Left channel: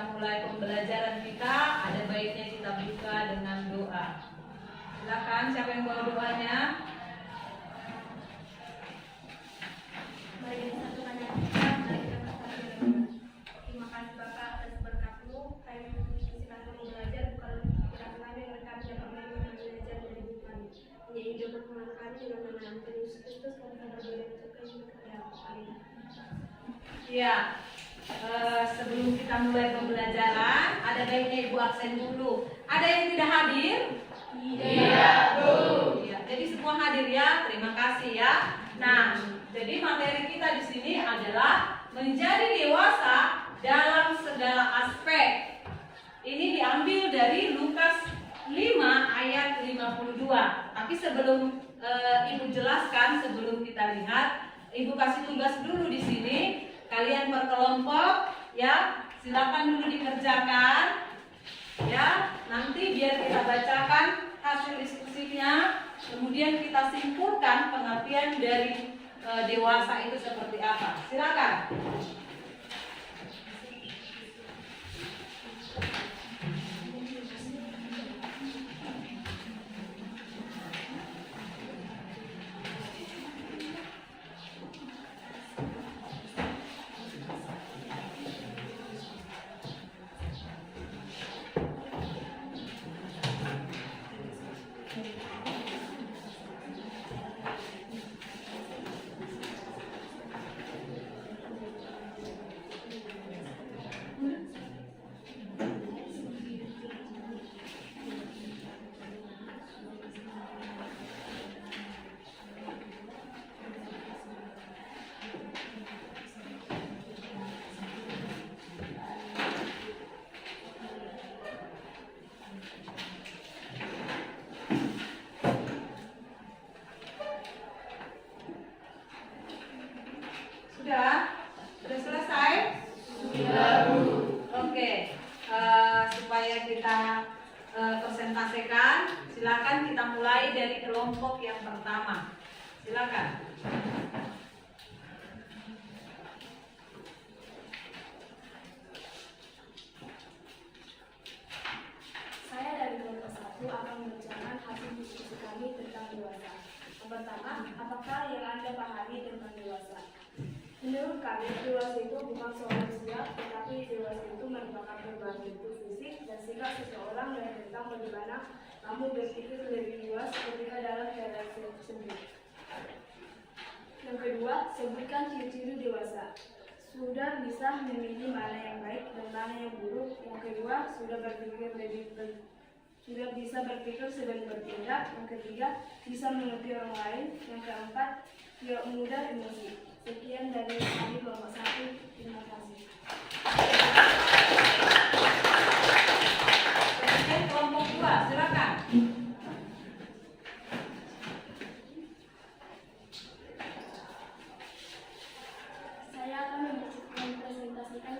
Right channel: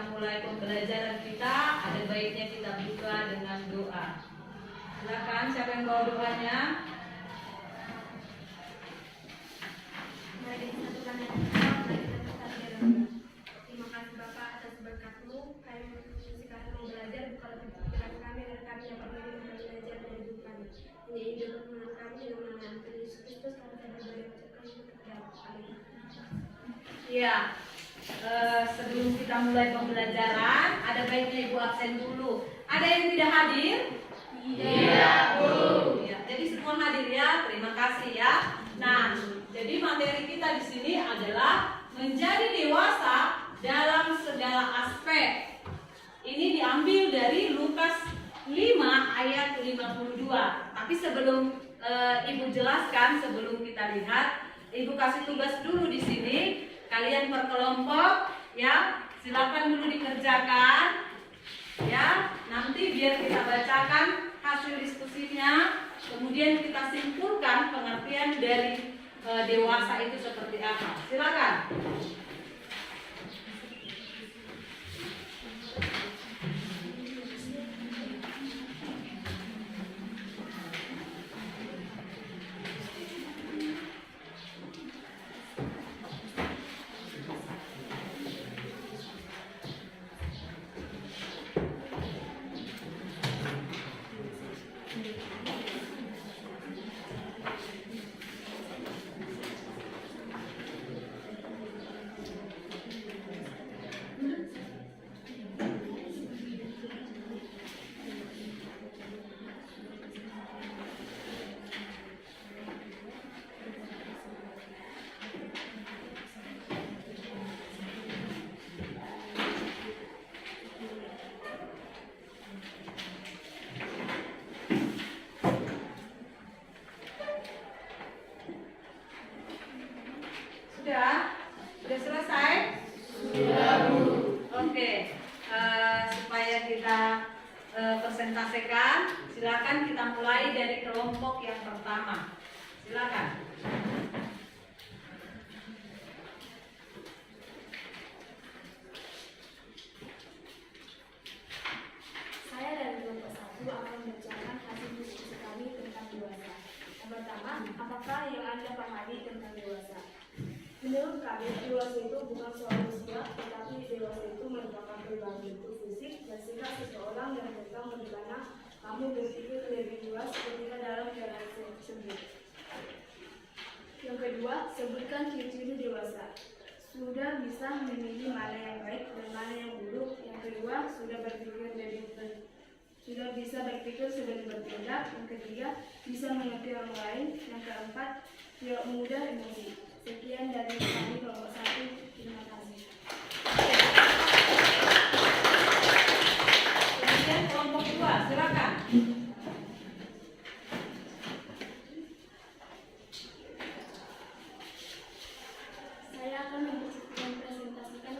kita mulai pembelajaran kita, ada baiknya kita buka dengan doa. Silakan, siapa yang bawa doanya? Mari kita satukan hati kita, mari kita bersatu dalam doa. Terima kasih Bapak atas berkat-Mu. Kami masih kami mau belajar, bukan pikiran kami agar kami dapat menerima belajar dari hidup kami. Menjadi hidup pertemuan kami dalam nama Tuhan Yesus Kristus, kami berdoa dan mengucapkan syukur. Amin. Ya, sebelum kita mulai pembelajaran, ada baiknya Ibu absen dulu. Ada yang tidak hadir? Iya, Bu. Ya, jadi semua hadir ya. Terima kasih ya. Nah, jadi materi kita di sini adalah menjadi dewasa dalam segala aspek. Ini diambil dari Lukas 5 ayat 52. Tapi sebelum Ibu jelaskan, sebelum kita lihat, Ibu kasih tugas dulu di sini. Kalian berkelompok ya, silakan dulu dikerjakan ya. Nanti biar kita bacakan hasil diskusinya, kemudian kita simpulkan pengertian dari dewasa itu seperti apa. Silakan. Sudah selesai? Sudah, Bu. Oke, supaya kita presentasikan, silakan kita mulai dari kelompok yang pertama. Silakan. Saya dari kelompok 1 akan membacakan hasil diskusi kami tentang dewasa. Yang pertama, apakah yang Anda pahami tentang dewasa? Menurut kami, dewasa itu bukan soal usia, tetapi dewasa itu merupakan perubahan bentuk fisik dan sikap seseorang dan tentang bagaimana kamu berpikir lebih luas ketika dalam relasi tersebut. Yang kedua, sebutkan ciri-ciri dewasa. Sudah bisa memilih mana yang baik dan mana yang buruk. Yang kedua, sudah bisa berpikir sebelum bertindak. Yang ketiga, bisa mengerti orang lain. Yang keempat, tidak mudah emosi. Sekian dari kami kelompok 1. Terima kasih. Kemudian kelompok 2, silakan. Saya akan mempresentasikan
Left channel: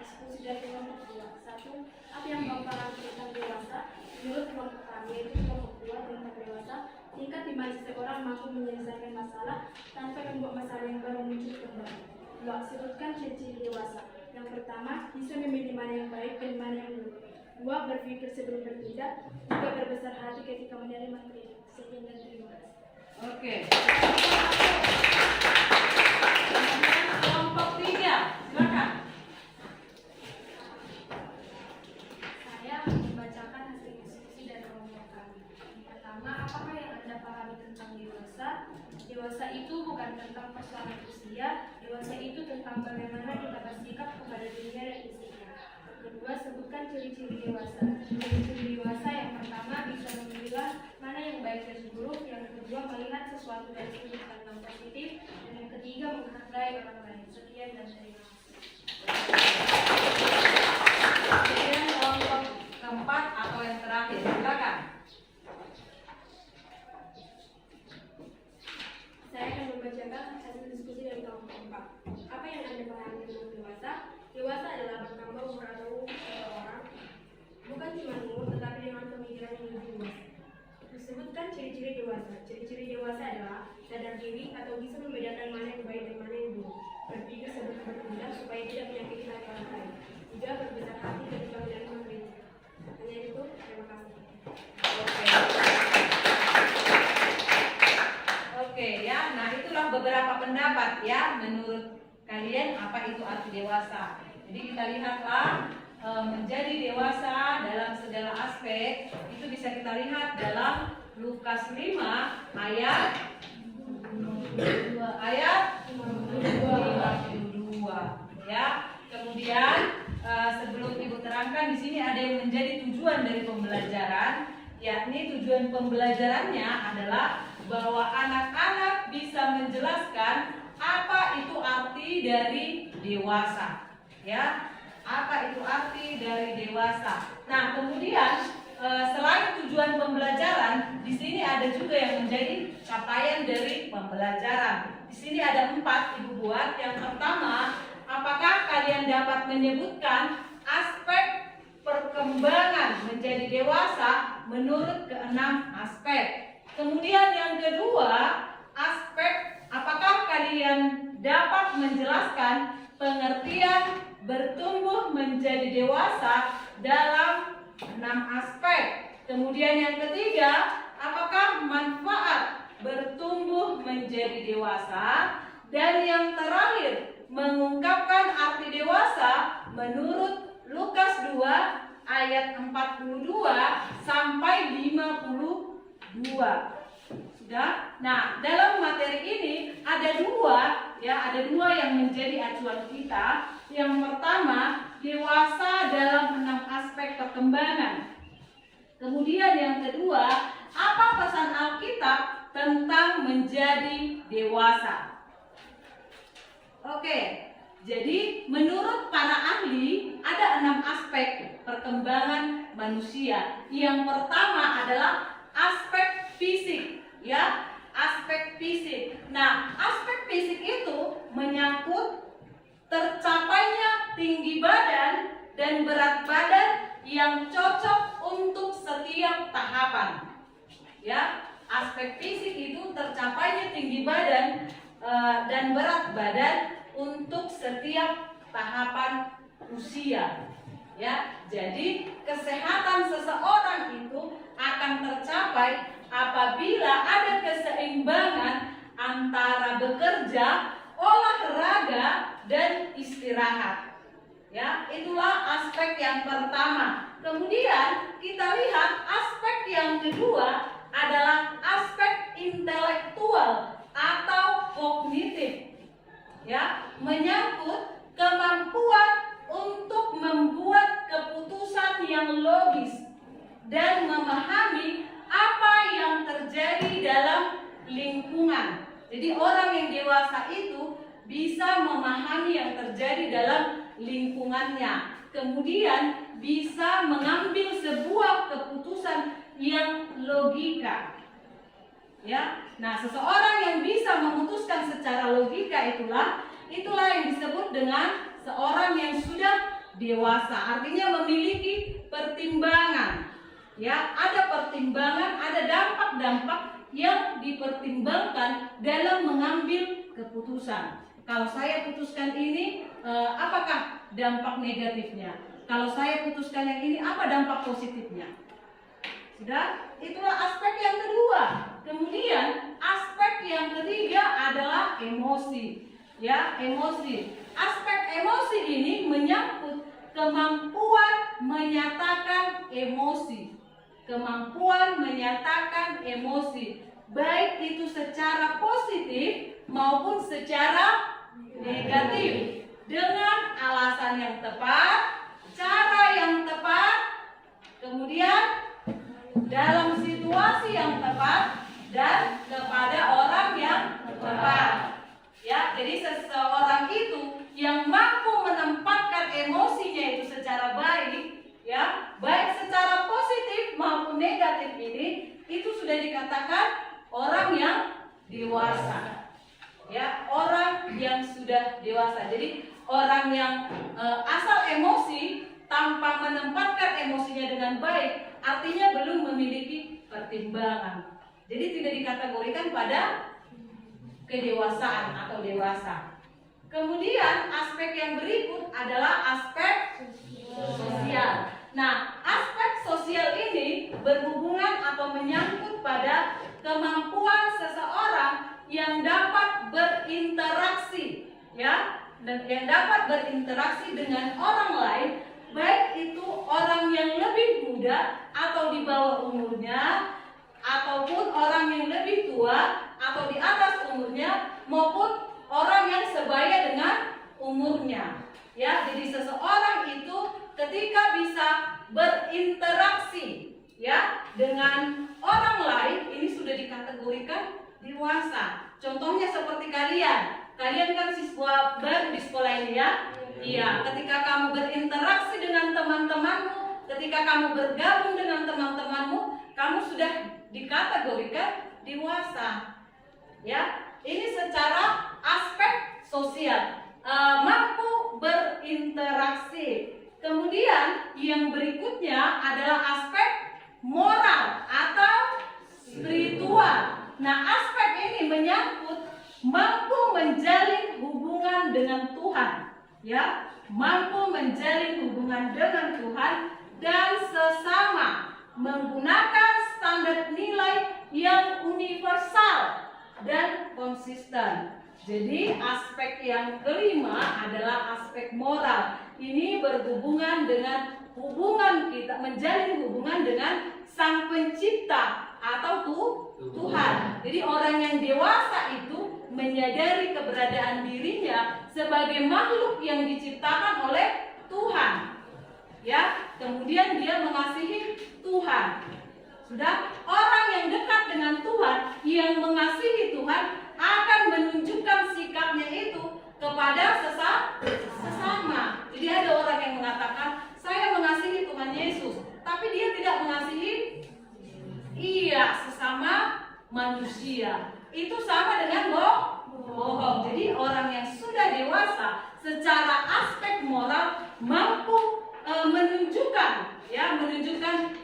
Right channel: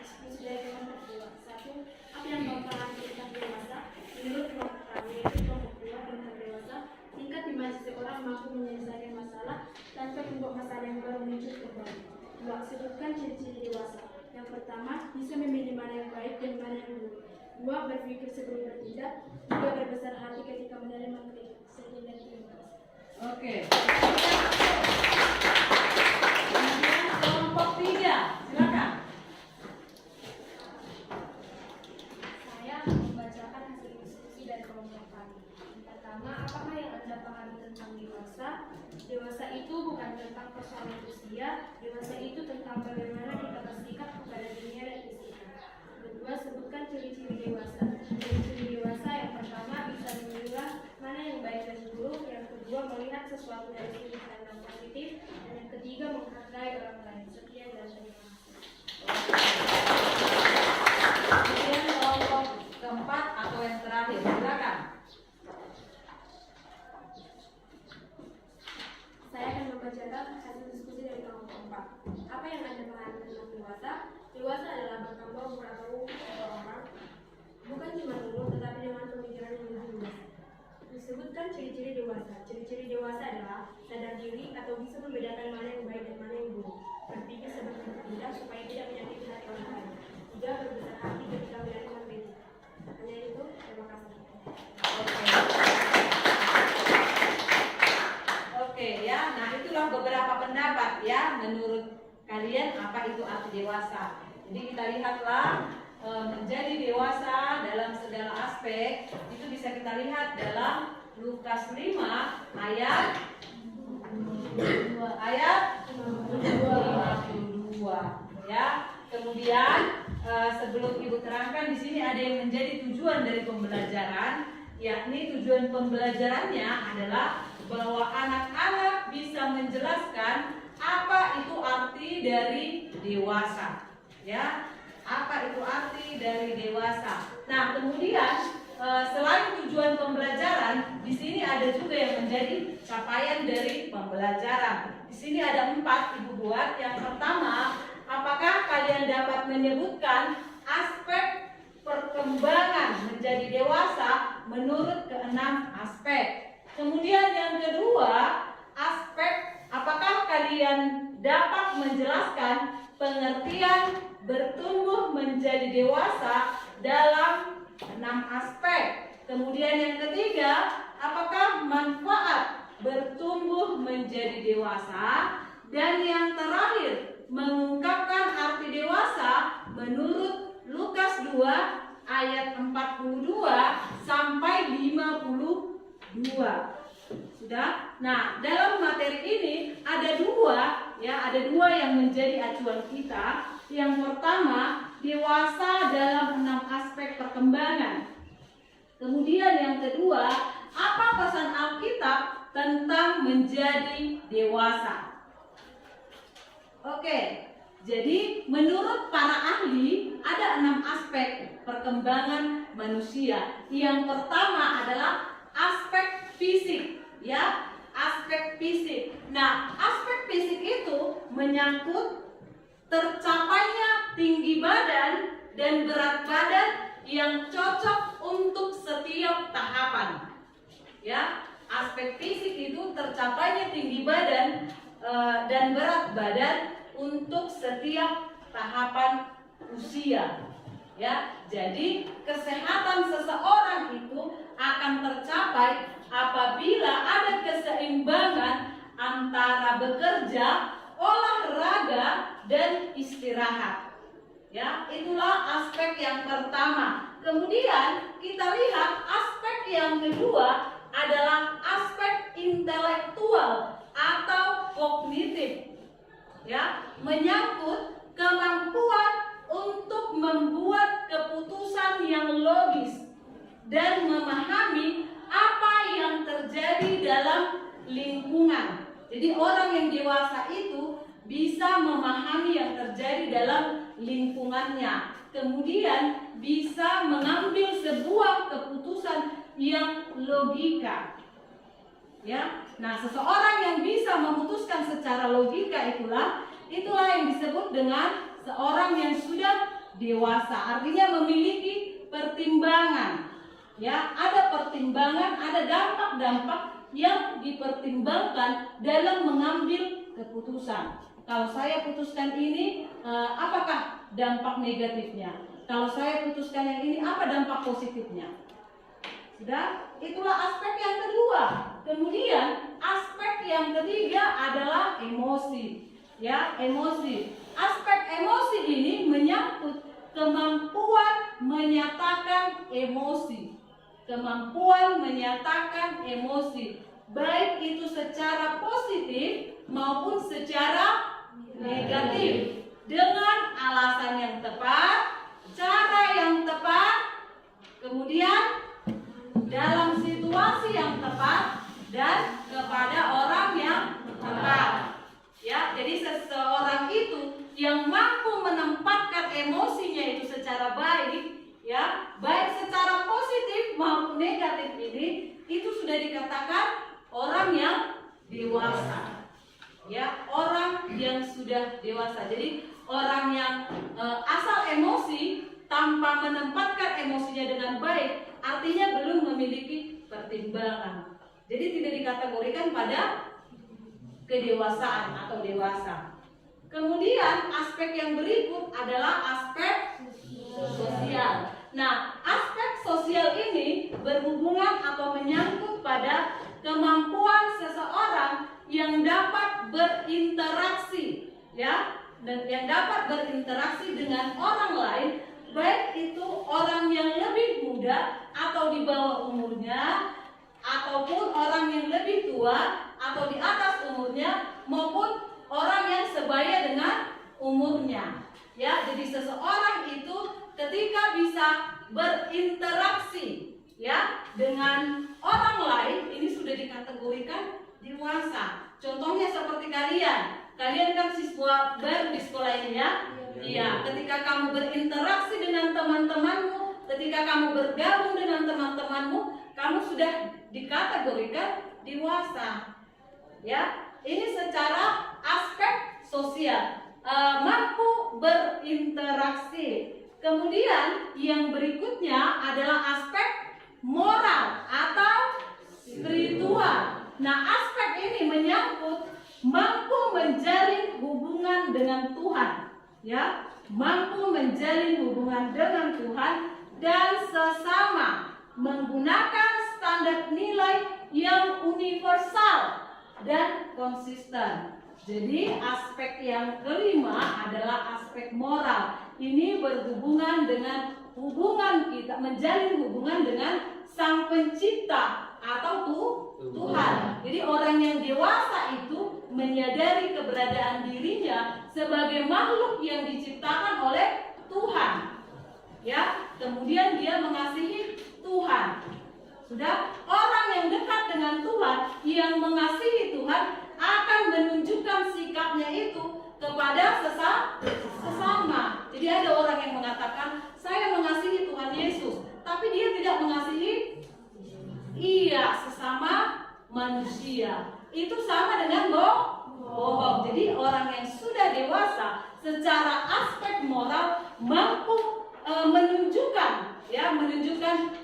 diskusi dari kelompok 2. 1. Apa yang Bapak pahami tentang dewasa? Menurut kelompok kami, kelompok 2 tentang dewasa, tingkat di mana seseorang mampu menyelesaikan masalah tanpa membuat masalah yang baru muncul kembali. 2. Sebutkan ciri-ciri dewasa. Yang pertama, bisa memilih mana yang baik dan mana yang buruk. 2. Berpikir sebelum bertindak. 3. Berbesar hati ketika menerima kritik. Sekian dan terima kasih. Oke. Kemudian kelompok 3, silakan. Saya membacakan hasil diskusi dari kelompok kami. Pertama, apakah yang Anda pahami tentang dewasa? Dewasa itu bukan tentang persoalan usia. Dewasa itu tentang bagaimana kita bersikap kepada dunia dan istrinya. Kedua, sebutkan ciri-ciri dewasa. Ciri-ciri dewasa yang pertama, bisa memilah mana yang baik dan buruk. Yang kedua, melihat sesuatu dari sudut pandang positif. Dan yang ketiga, menghargai orang lain. Sekian dan terima kasih. Kemudian kelompok keempat atau yang terakhir, silakan. Saya akan membacakan hasil diskusi dari kelompok 4. Apa yang Anda pahami tentang dewasa? Dewasa adalah bertambah umur atau seseorang, bukan cuma umur, tetapi dengan pemikiran yang lebih luas. Disebutkan ciri-ciri dewasa. Ciri-ciri dewasa adalah sadar diri atau bisa membedakan mana yang baik dan mana yang buruk. Berpikir sebelum bertindak supaya tidak menyakiti hati orang lain. 3. Berbesar hati beberapa pendapat ya, menurut kalian apa itu arti dewasa. Jadi kita lihatlah menjadi dewasa dalam segala aspek itu bisa kita lihat dalam Lukas 5 ayat 52 ya. Kemudian sebelum Ibu terangkan di sini ada yang menjadi tujuan dari pembelajaran, yakni tujuan pembelajarannya adalah bahwa anak-anak bisa menjelaskan apa itu arti dari dewasa, ya. Apa itu arti dari dewasa? Nah, kemudian selain tujuan pembelajaran, di sini ada juga yang menjadi capaian dari pembelajaran. Di sini ada 4 Ibu buat. Yang pertama, apakah kalian dapat menyebutkan aspek perkembangan menjadi dewasa menurut ke-6 aspek? Kemudian yang kedua, aspek apakah kalian dapat menjelaskan pengertian bertumbuh menjadi dewasa dalam 6 aspek? Kemudian yang ketiga, apakah manfaat bertumbuh menjadi dewasa? Dan yang terakhir, mengungkapkan arti dewasa menurut Lukas 2 ayat 42 sampai 52. Sudah? Nah, dalam materi ini ada dua yang menjadi acuan kita. Yang pertama, dewasa dalam 6 aspek perkembangan. Kemudian yang kedua, apa pesan Alkitab tentang menjadi dewasa? Oke, jadi menurut para ahli ada 6 aspek perkembangan manusia. Yang pertama adalah aspek fisik, ya, aspek fisik. Nah, aspek fisik itu menyangkut tercapainya tinggi badan dan berat badan yang cocok untuk setiap tahapan. Ya, aspek fisik itu tercapainya tinggi badan dan berat badan untuk setiap tahapan usia. Ya, jadi kesehatan seseorang itu akan tercapai apabila ada keseimbangan antara bekerja, olahraga, dan istirahat. Ya, itulah aspek yang pertama. Kemudian kita lihat aspek yang kedua adalah aspek intelektual atau kognitif. Ya, menyangkut kemampuan untuk membuat keputusan yang logis dan memahami apa yang terjadi dalam lingkungan. Jadi orang yang dewasa itu bisa memahami yang terjadi dalam lingkungannya, kemudian bisa mengambil sebuah keputusan yang logika. Ya, nah seseorang yang bisa memutuskan secara logika itulah yang disebut dengan seorang yang sudah dewasa. Artinya memiliki pertimbangan. Ya, ada pertimbangan, ada dampak-dampak yang dipertimbangkan dalam mengambil keputusan. Kalau saya putuskan ini, apakah dampak negatifnya? Kalau saya putuskan yang ini, apa dampak positifnya? Sudah? Itulah aspek yang kedua. Kemudian aspek yang ketiga adalah emosi. Ya, emosi. Aspek emosi ini menyangkut kemampuan menyatakan emosi. Kemampuan menyatakan emosi, baik itu secara positif maupun secara negatif, dengan alasan yang tepat, cara yang tepat, kemudian dalam situasi yang tepat, dan kepada orang yang tepat. Ya, jadi seseorang itu yang mampu menempatkan emosinya itu secara baik, ya, baik secara positif maupun negatif ini, itu sudah dikatakan orang yang dewasa. Ya, orang yang sudah dewasa. Jadi orang yang asal emosi tanpa menempatkan emosinya dengan baik, artinya belum memiliki pertimbangan. Jadi tidak dikategorikan pada kedewasaan atau dewasa. Kemudian aspek yang berikut adalah aspek sosial. Nah, aspek sosial ini berhubungan atau menyangkut pada kemampuan seseorang yang dapat berinteraksi, ya, dan yang dapat berinteraksi dengan orang lain, baik itu orang yang lebih muda atau di bawah umurnya, ataupun orang yang lebih tua atau di atas umurnya, maupun orang yang sebaya dengan umurnya. Ya, jadi seseorang itu ketika bisa berinteraksi, ya, dengan orang lain, ini sudah dikategorikan dewasa. Contohnya seperti kalian kan siswa baru di sekolah ini, ya. Iya, ketika kamu berinteraksi dengan teman-temanmu, ketika kamu bergabung dengan teman-temanmu, kamu sudah dikategorikan dewasa. Ya, ini secara aspek sosial, mampu berinteraksi. Kemudian yang berikutnya adalah aspek moral atau spiritual. Nah, aspek ini menyangkut mampu menjalin hubungan dengan Tuhan, ya, mampu menjalin hubungan dengan Tuhan dan sesama, menggunakan standar nilai yang universal dan konsisten. Jadi aspek yang kelima adalah aspek moral. Ini berhubungan dengan hubungan kita, menjalin hubungan dengan Sang Pencipta atau Tuhan. Jadi orang yang dewasa itu menyadari keberadaan dirinya sebagai makhluk yang diciptakan oleh Tuhan. Ya, kemudian dia mengasihi Tuhan. Sudah, orang yang dekat dengan Tuhan, yang mengasihi Tuhan, akan menunjukkan sikapnya itu kepada sesama. Jadi ada orang yang mengatakan, saya mengasihi Tuhan Yesus, tapi dia tidak mengasihi sesama manusia. Itu sama dengan bohong. Jadi orang yang sudah dewasa secara aspek moral mampu menunjukkan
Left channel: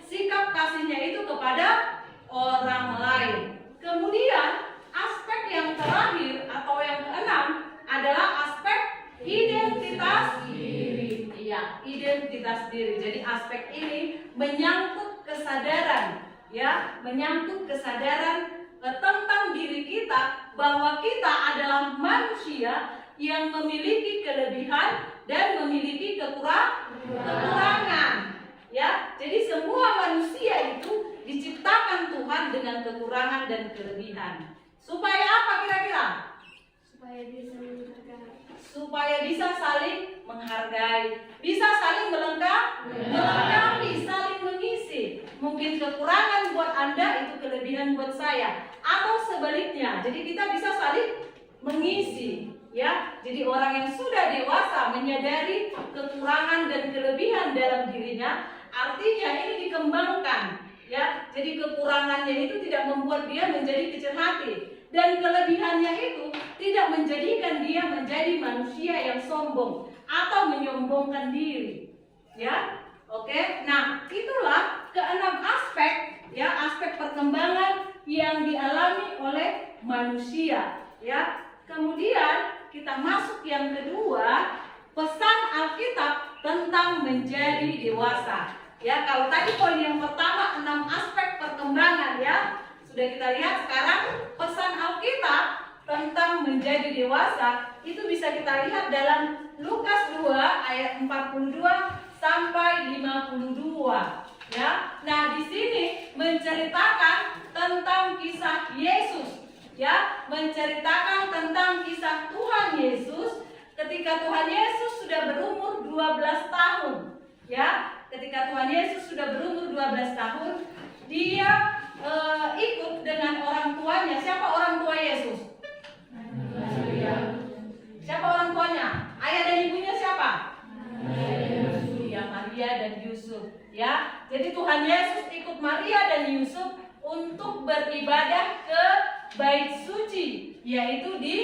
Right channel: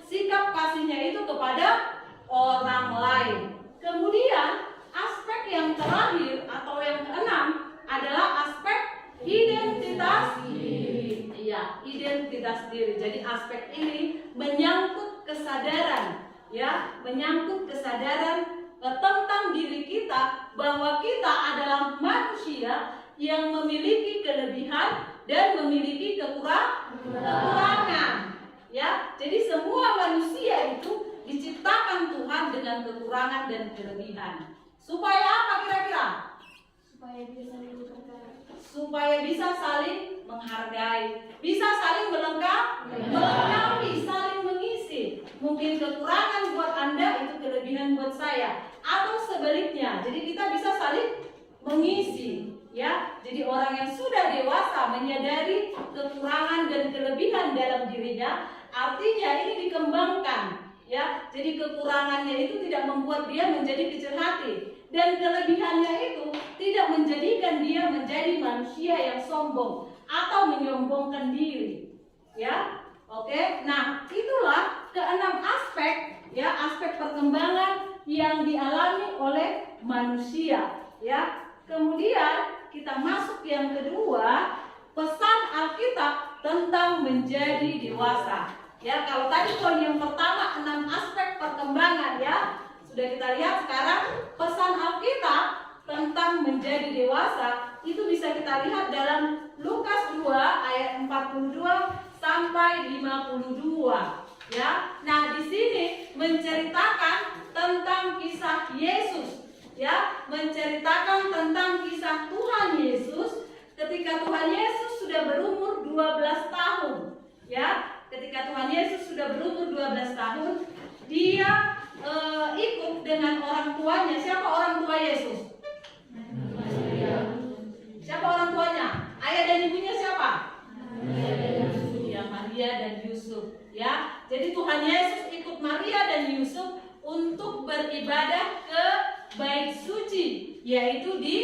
sikap kasihnya itu kepada orang lain. Kemudian aspek yang terakhir atau yang keenam adalah aspek identitas diri. Iya, identitas diri. Jadi aspek ini menyangkut kesadaran, ya, menyangkut kesadaran tentang diri kita, bahwa kita adalah manusia yang memiliki kelebihan dan memiliki kekurangan. Ya, jadi semua manusia itu diciptakan Tuhan dengan kekurangan dan kelebihan. Supaya apa kira-kira? Supaya bisa saling menghargai, bisa saling melengkapi, saling mengisi. Mungkin kekurangan buat Anda itu kelebihan buat saya, atau sebaliknya. Jadi kita bisa saling mengisi. Ya, jadi orang yang sudah dewasa menyadari kekurangan dan kelebihan dalam dirinya, artinya ini dikembangkan. Ya, jadi kekurangannya itu tidak membuat dia menjadi kecil hati, dan kelebihannya itu tidak menjadikan dia menjadi manusia yang sombong atau menyombongkan diri. Ya, oke. Nah, itulah keenam aspek, ya, aspek perkembangan yang dialami oleh manusia. Ya, kemudian kita masuk yang kedua, pesan Alkitab tentang menjadi dewasa. Ya, kalau tadi poin yang pertama 6 aspek perkembangan, ya, sudah kita lihat. Sekarang pesan Alkitab tentang menjadi dewasa itu bisa kita lihat dalam Lukas 2 ayat 42 sampai 52. Ya, nah di sini menceritakan tentang kisah Yesus. Ya, menceritakan tentang kisah Tuhan Yesus ketika Tuhan Yesus sudah berumur 12 tahun. Ya, ketika Tuhan Yesus sudah berumur 12 tahun, dia ikut dengan orang tuanya. Siapa orang tua Yesus? Siapa orang tuanya? Ayah dan ibunya siapa? Ya, Maria dan Yusuf. Ya, jadi Tuhan Yesus ikut Maria dan Yusuf untuk beribadah ke Bait Suci, yaitu di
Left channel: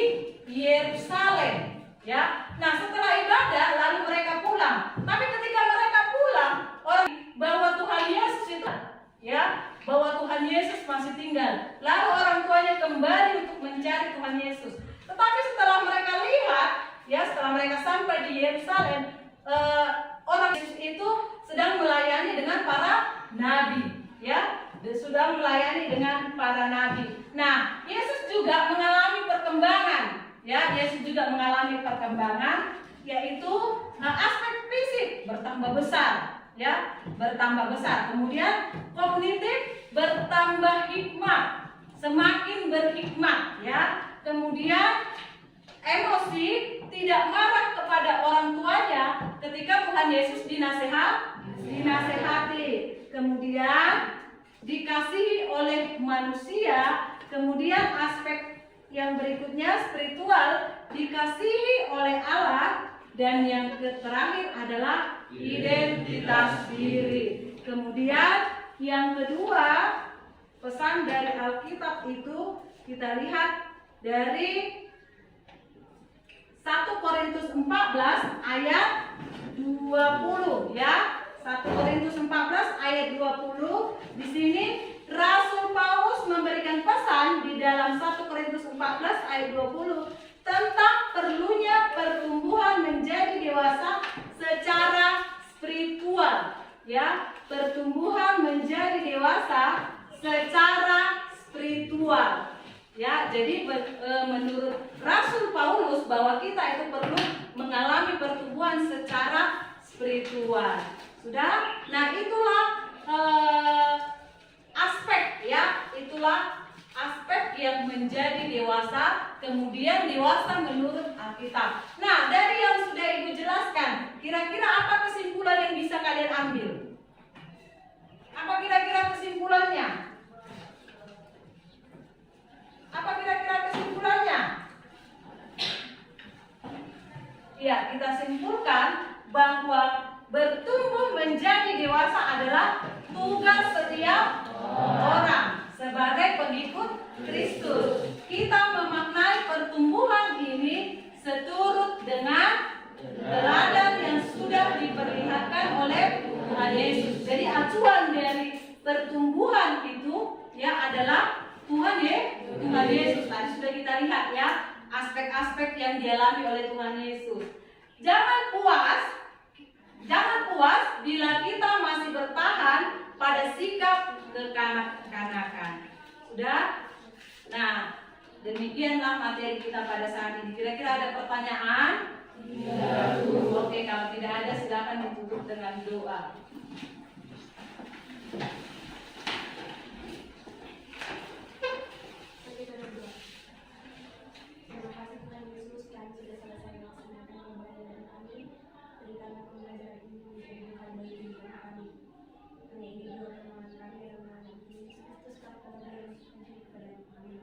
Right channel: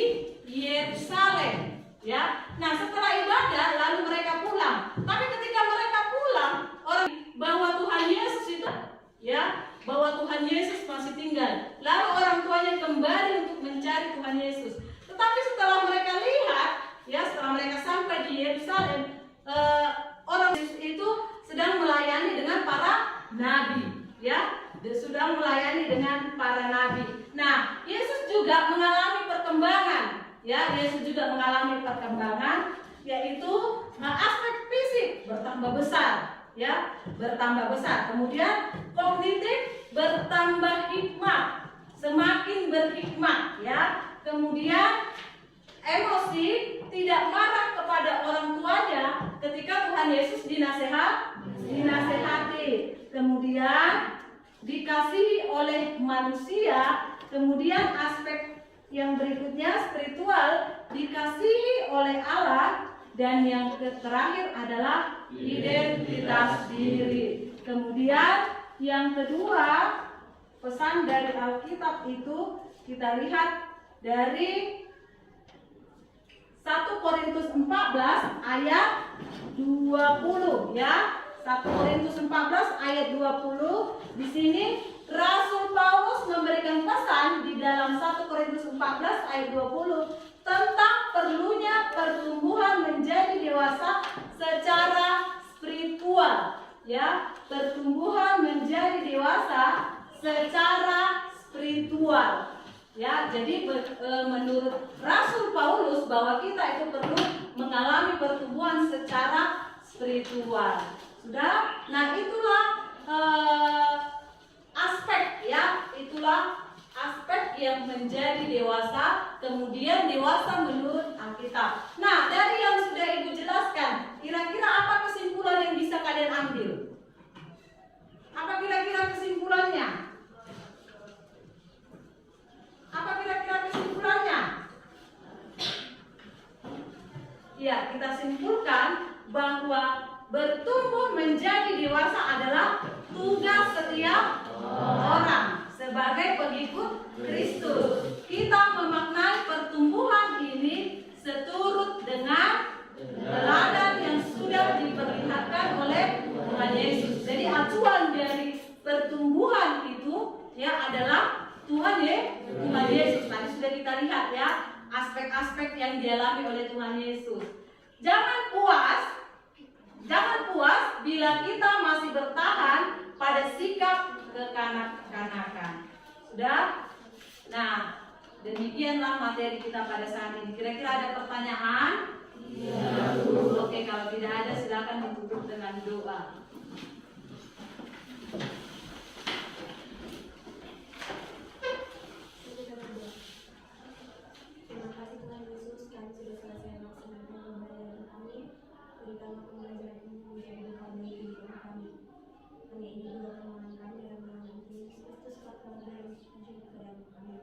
Yerusalem. Ya, nah setelah ibadah lalu mereka pulang. Tapi ketika mereka pulang, orang bahwa Tuhan Yesus itu, ya, bahwa Tuhan Yesus masih tinggal. Lalu orang tuanya kembali untuk mencari Tuhan Yesus. Tetapi setelah mereka lihat, ya, setelah mereka sampai di Yerusalem, orang Yesus itu sedang melayani dengan para nabi. Ya, dia sedang melayani dengan para nabi. Nah, Yesus juga mengalami perkembangan, ya. Yesus juga mengalami perkembangan, yaitu aspek fisik bertambah besar, ya, bertambah besar. Kemudian kognitif bertambah hikmat, semakin berhikmat, ya. Kemudian emosi tidak marah kepada orang tuanya ketika Tuhan Yesus dinasehati. Kemudian dikasihi oleh manusia. Kemudian aspek yang berikutnya spiritual, dikasihi oleh Allah. Dan yang terakhir adalah identitas diri. Kemudian yang kedua, pesan dari Alkitab itu kita lihat dari 1 Korintus 14 ayat 20, ya. 1 Korintus 14 ayat 20. Di sini Rasul Paulus memberikan pesan di dalam 1 Korintus 14 ayat 20 tentang perlunya pertumbuhan menjadi dewasa secara spiritual, ya. Pertumbuhan menjadi dewasa secara spiritual. Ya, jadi menurut Rasul Paulus bahwa kita itu perlu mengalami pertumbuhan secara spiritual. Sudah? Nah, itulah aspek, ya, itulah aspek yang menjadi dewasa, kemudian dewasa menurut Alkitab. Nah, dari yang sudah Ibu jelaskan, kira-kira apa kesimpulan yang bisa kalian ambil? Apa kira-kira kesimpulannya? Apa kira-kira kesimpulannya? Ya, kita simpulkan bahwa bertumbuh menjadi dewasa adalah tugas setiap orang sebagai pengikut Kristus. Kita memaknai pertumbuhan ini seturut dengan teladan yang sudah diperlihatkan oleh Tuhan Yesus. Jadi acuan dari pertumbuhan itu, ya, adalah Tuhan Yesus. Tadi sudah kita lihat, ya, aspek-aspek yang dialami oleh Tuhan Yesus. Jangan puas bila kita masih bertahan pada sikap kekanak-kanakan. Sudah? Nah, demikianlah materi kita pada saat ini. Kira-kira ada pertanyaan? Iya. Oke, kalau tidak ada silakan ditutup dengan doa. Terima kasih Tuhan Yesus, kami sudah selesai melaksanakan pembelajaran kami. Berikanlah pembelajaran ini menjadi berkat bagi kehidupan kami. Hanya ini doa permohonan kami dalam nama Yesus Kristus, Bapa dan Yesus kepada kami.